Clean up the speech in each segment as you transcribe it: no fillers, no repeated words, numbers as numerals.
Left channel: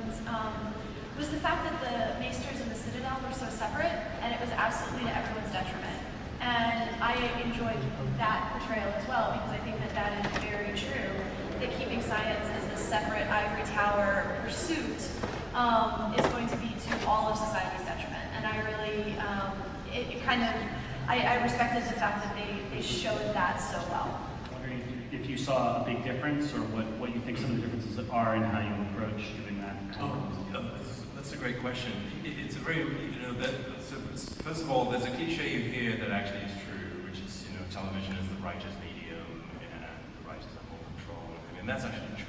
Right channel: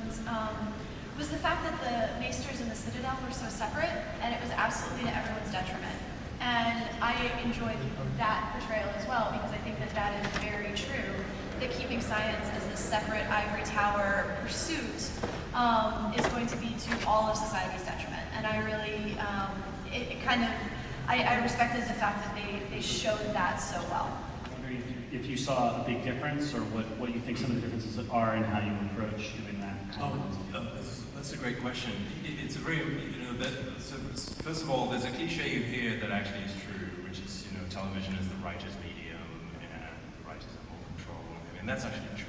ones, was the fact that the Maesters and the Citadel were so separate, and it was absolutely to everyone's detriment. And I enjoyed that portrayal as well, because I think that that is very true, that keeping science as this separate ivory tower pursuit is going to be to all of society's detriment. And I really, I respected the fact that they showed that so well. I'm wondering if you saw a big difference, or what you think some of the differences are in how you approach doing that. That's a great question. It's a very, so first of all, there's a cliche you hear that actually is true, which is, television is the writer's medium, and the writers have more control. I mean, that's actually true.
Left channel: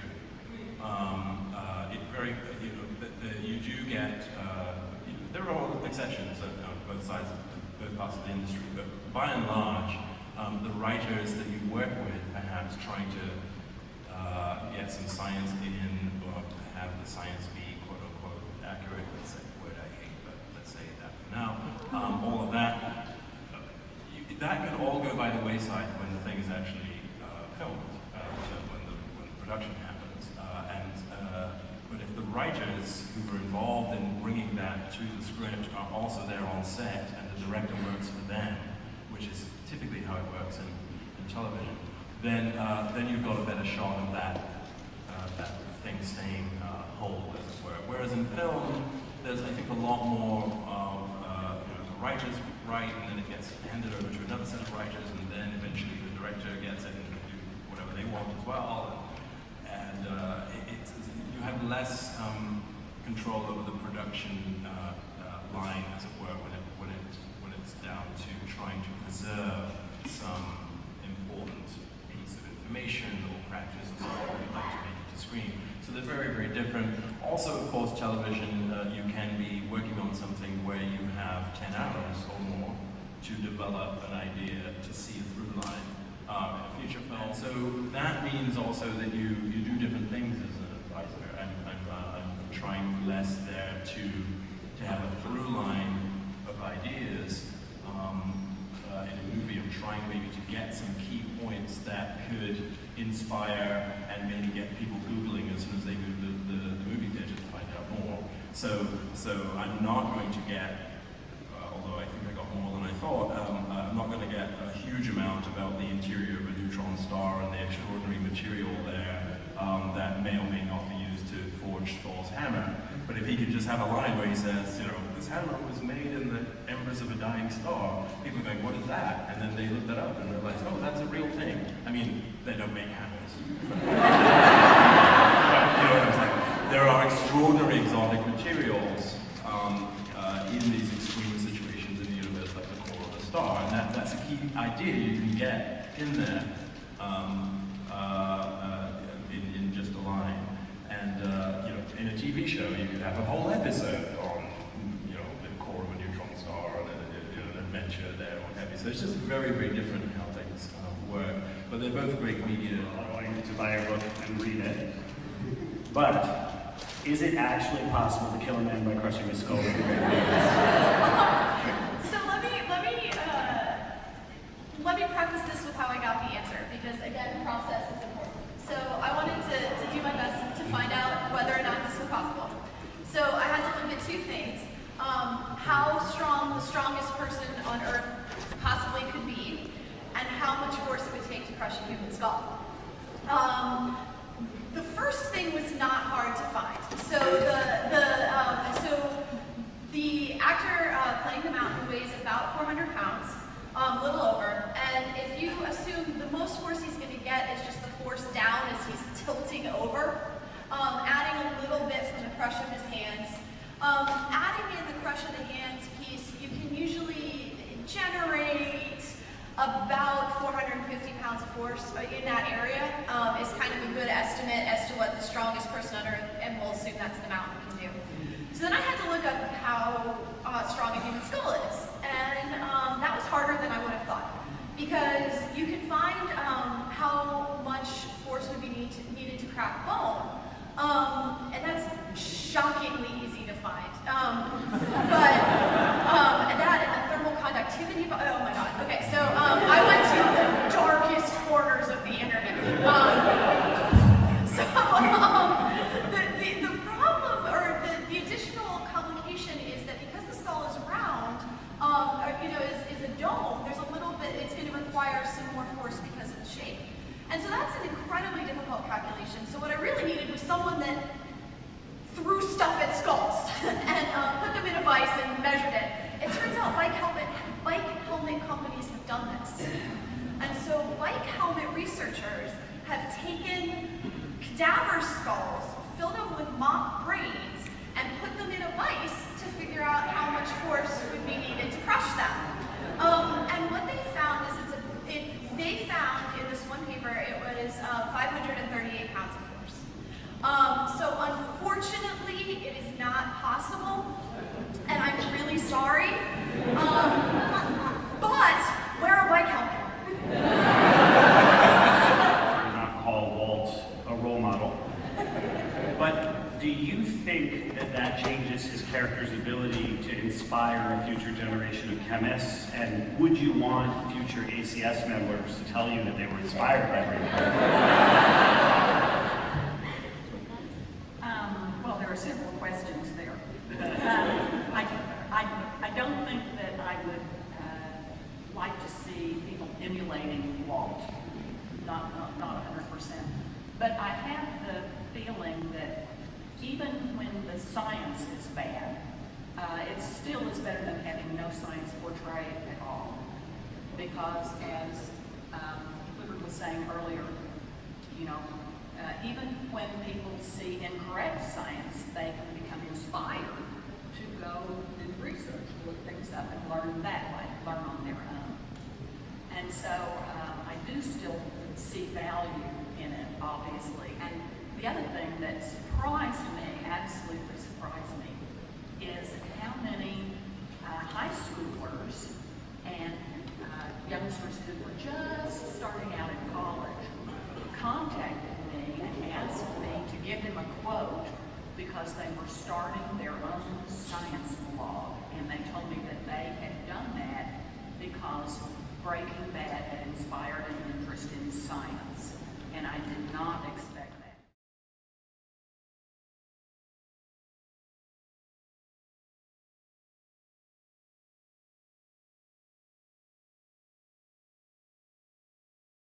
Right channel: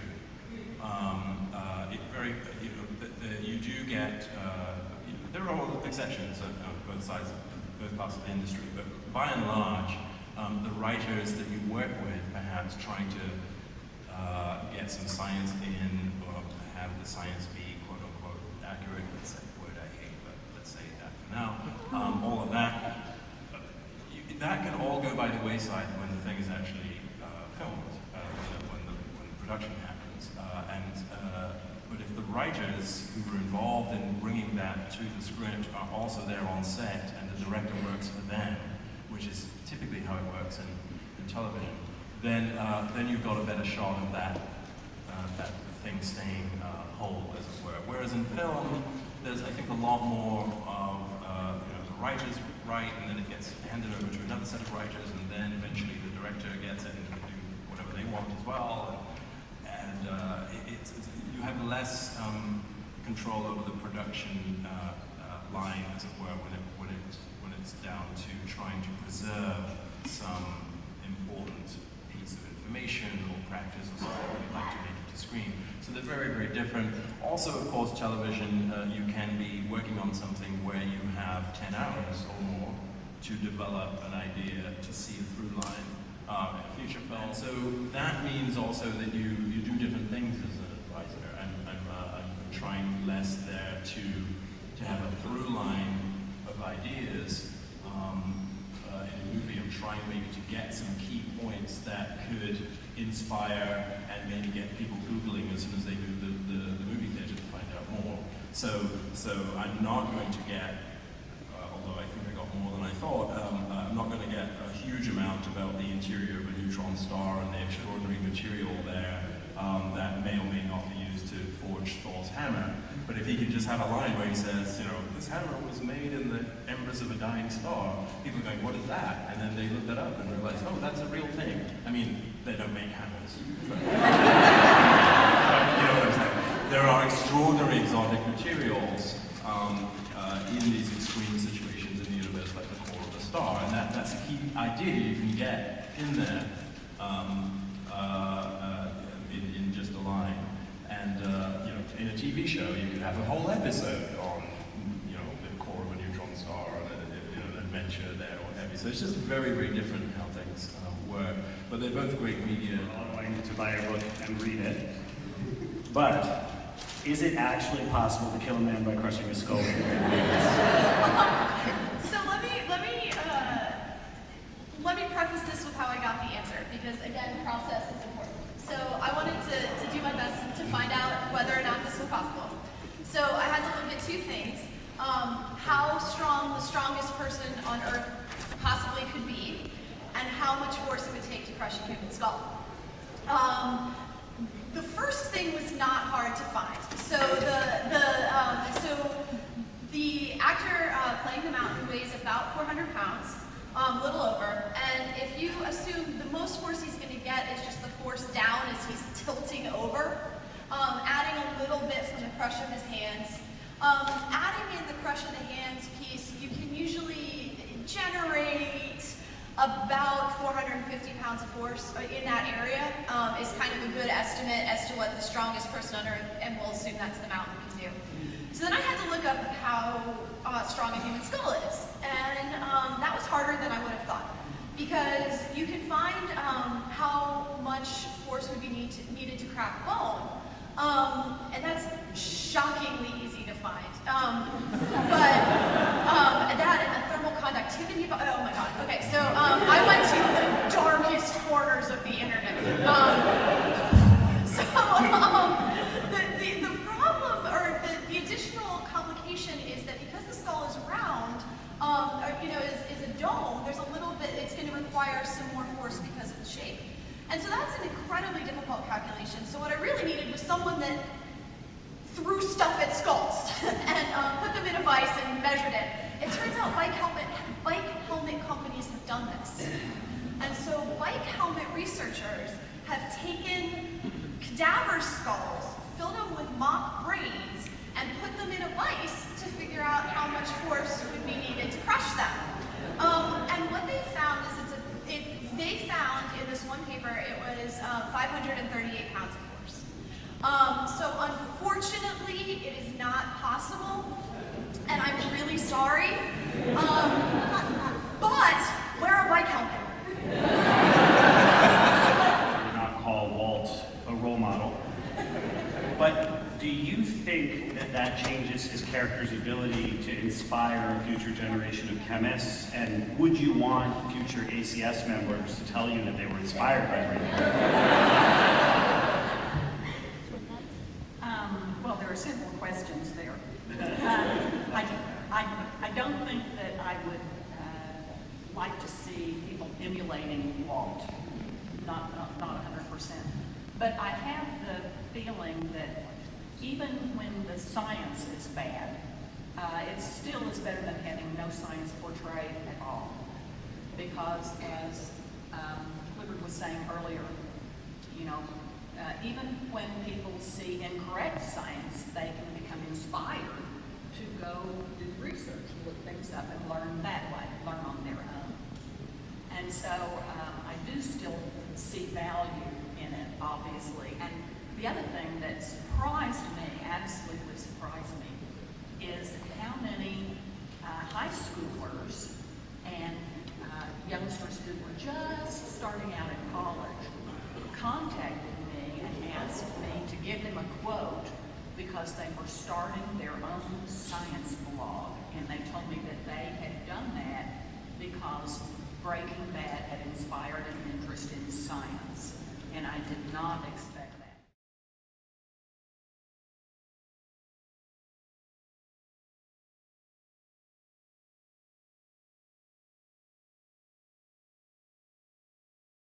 You do get, there are exceptions of both sides, both parts of the industry, but by and large, the writers that you work with, perhaps trying to get some science in, or have the science be quote-unquote accurate, that's a word I hate, but let's say that for now, all of that, that can all go by the wayside when the thing is actually filmed, when the production happens. But if the writers who are involved in bringing that to the script are also there on set, and the director works for them, which is typically how it works in television, then you've got a better shot of that thing staying whole, as it were. Whereas in film, there's, I think, a lot more of the writers write, and then it gets handed over to another set of writers, and then eventually the director gets it and can do whatever they want as well. And you have less control over the production line, as it were, when it's down to trying to preserve some important piece of information or practice or something like that to make it to screen. So they're very, very different. Also, of course, television, you can be working on something where you have 10 hours or more to develop an idea, to see a through line. Feature film. So that means also that you do different things as an advisor, and I'm trying less there to have a through line of ideas in a movie. I'm trying maybe to get some key points that could inspire and maybe get people Googling as soon as they move the movie theater to find out more. So I'm not going to get, although I think I got more than I thought, I'm not going to get a huge amount about the interior of a neutron star and the extraordinary material there that may or may not be used to forge Thor's hammer. But if he could just have a line where he says, this hammer was made in the embers of a dying star, people are going, what is that? And then they look that up and realize, oh, that's a real thing. I mean, they don't make hammers. You know what I'm saying? There are extraordinary exotic materials in these extreme situations in the universe, like the core of the star, and that's a key idea you can get in there in just a line. And in a TV show, you could have a whole episode on the core of a neutron star, or an adventure there, or what have you. So it's just very, very different how things work. But they're both great media. I want you to buy a book and read it. But is it actually possible to kill a man by crushing his skull? So let me preface this with how I got the answer, because again, process is important. So I wanted to do my best to find out whether or not this was possible. So I had to look at two things: how strong the strongest person on Earth possibly could be, and how much force it would take to crush a human skull. The first thing was not hard to find. So the actor playing the Mountain weighs about 400 pounds, a little over. And if you assume the most force he's going to get is just the force down as he's tilting over, adding a little bit from the crush of his hands, adding in the crush of the hands piece, you can usually generate about 450 pounds of force in that area is kind of a good estimate as to what the strongest person on Earth, and we'll assume that's the Mountain, can do. So then I had to look up how strong a human skull is, and that was harder than I would have thought, because you can find how much force would be needed to crack bone, and that's shockingly easy to find. But that and the thermal conductivity, oh my god, okay, so I went to the darkest corners of the internet. The problem, or And so that's an incredibly difficult calculation. So what I really needed was someone that threw stuff at skulls and put them in a vise and measured it. It turns out bike helmet companies have done this. And so bike helmet researchers have taken cadaver skulls, filled them with mock brains, and put them in a vise to figure out how much force would be needed to crush them. And what they found is they found in this one paper it was 538 pounds of force. So unfortunately, it is not possible, and I'm really sorry. But wear a bike helmet. Not call Walt a role model. But do you think that that changes his character's ability to inspire a future generation of chemists? And would you want future ACS members to tell you that they were inspired by him? Well, there are several questions there. I don't think that I would like to see people emulating Walt. Not 100%. But I have the feeling that even when the science is bad, it still is better than having no science portrayed at all. Because as Clifford was saying earlier, you know, even when people see incorrect science, they can become inspired to go do research, look things up, and learn that way, learn on their own. And so I do still see value in it, obviously. And the other thing that surprised me, absolutely surprised me, is how many high schoolers and youngsters who were just starting out in college contacted me and asked me to give them a quote because they were starting their own science blog, and they told me that they had done that because Breaking Bad had inspired an interest in science, and I did not expect